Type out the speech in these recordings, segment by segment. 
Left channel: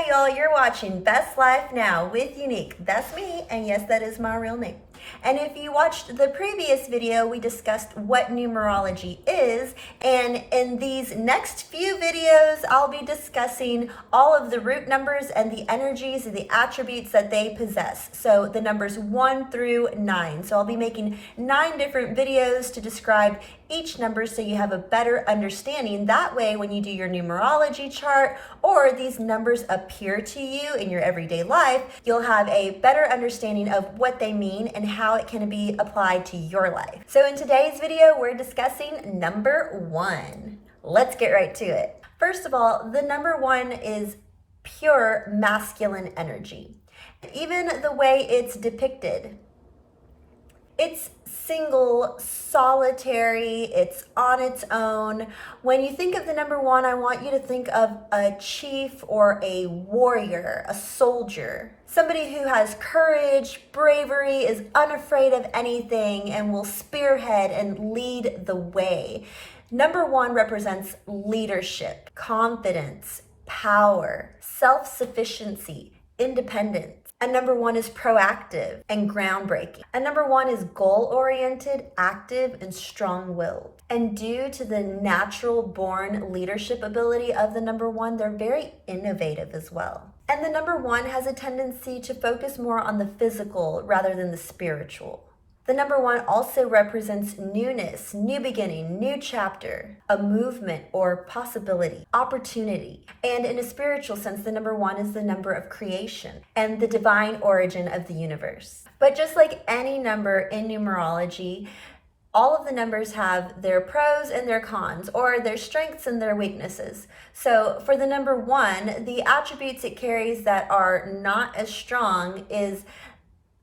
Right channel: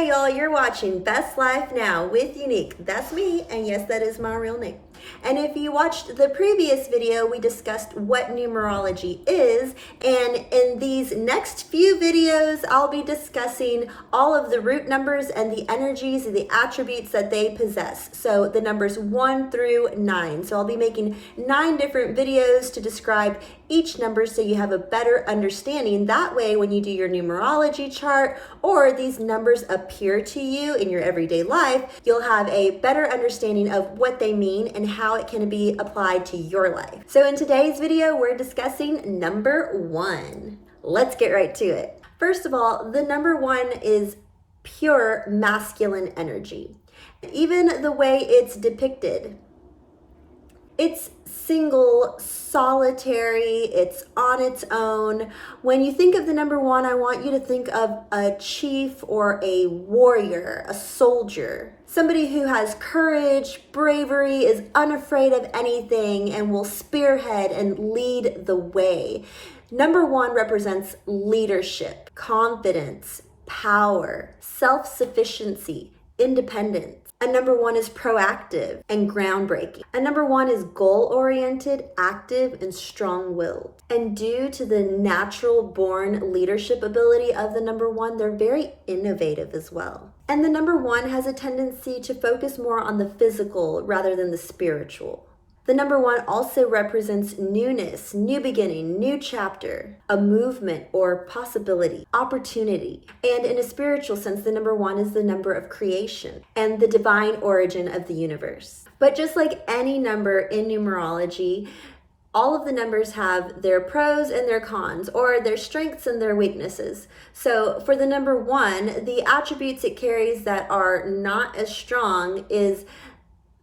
Hey y'all, you're watching Best Life Now with Unique. That's me, and yes, that is my real name. And if you watched the previous video, we discussed what numerology is, and in these next few videos, I'll be discussing all of the root numbers and the energies and the attributes that they possess. So the numbers 1 through 9. So I'll be making 9 different videos to describe each number so you have a better understanding. That way, when you do your numerology chart or these numbers appear to you in your everyday life, you'll have a better understanding of what they mean and how it can be applied to your life. So in today's video, we're discussing number 1. Let's get right to it. First of all, the number 1 is pure masculine energy. Even the way it's depicted, it's single, solitary, it's on its own. When you think of the number 1, I want you to think of a chief or a warrior, a soldier, somebody who has courage, bravery, is unafraid of anything, and will spearhead and lead the way. Number 1 represents leadership, confidence, power, self-sufficiency, independence. A number 1 is proactive and groundbreaking. A number 1 is goal-oriented, active, and strong-willed. And due to the natural born leadership ability of the number 1, they're very innovative as well. And the number 1 has a tendency to focus more on the physical rather than the spiritual. The number 1 also represents newness, new beginning, new chapter, a movement or possibility, opportunity. And in a spiritual sense, the number 1 is the number of creation and the divine origin of the universe. But just like any number in numerology, all of the numbers have their pros and their cons, or their strengths and their weaknesses. So for the number 1, the attributes it carries that are not as strong is,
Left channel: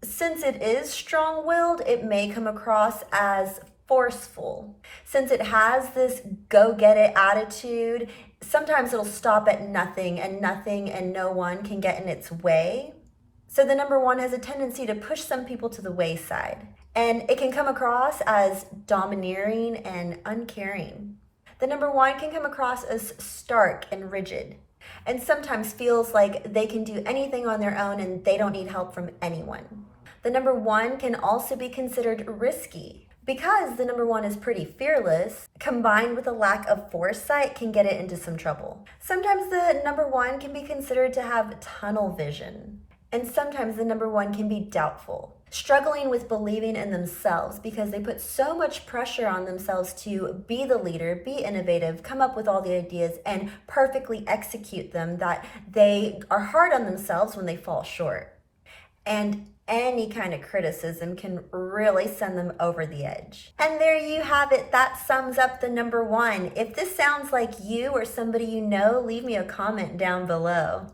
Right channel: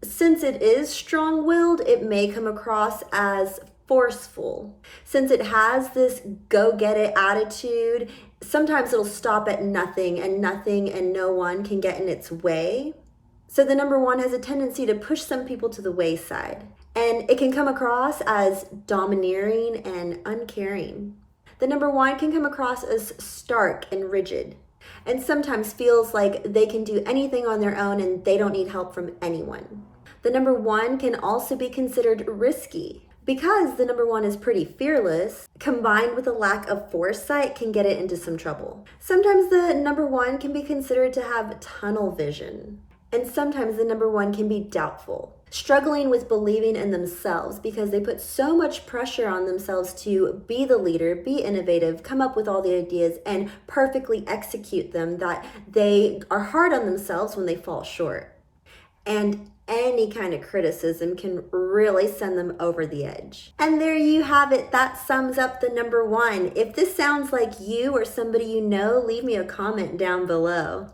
since it is strong-willed, it may come across as forceful. Since it has this go-get-it attitude, sometimes it'll stop at nothing and no one can get in its way. So the number 1 has a tendency to push some people to the wayside, and it can come across as domineering and uncaring. The number 1 can come across as stark and rigid, and sometimes feels like they can do anything on their own and they don't need help from anyone. The number 1 can also be considered risky. Because the number 1 is pretty fearless, combined with a lack of foresight can get it into some trouble. Sometimes the number 1 can be considered to have tunnel vision. And sometimes the number 1 can be doubtful, struggling with believing in themselves because they put so much pressure on themselves to be the leader, be innovative, come up with all the ideas, and perfectly execute them that they are hard on themselves when they fall short. And any kind of criticism can really send them over the edge. And there you have it. That sums up the number 1. If this sounds like you or somebody you know, leave me a comment down below.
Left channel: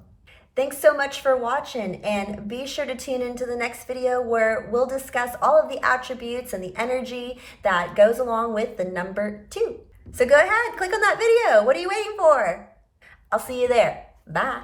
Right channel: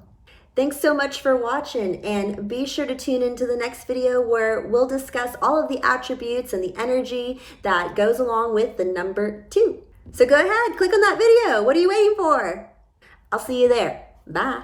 Thanks so much for watching, and be sure to tune into the next video where we'll discuss all of the attributes and the energy that goes along with the number 2. So go ahead, click on that video. What are you waiting for? I'll see you there. Bye.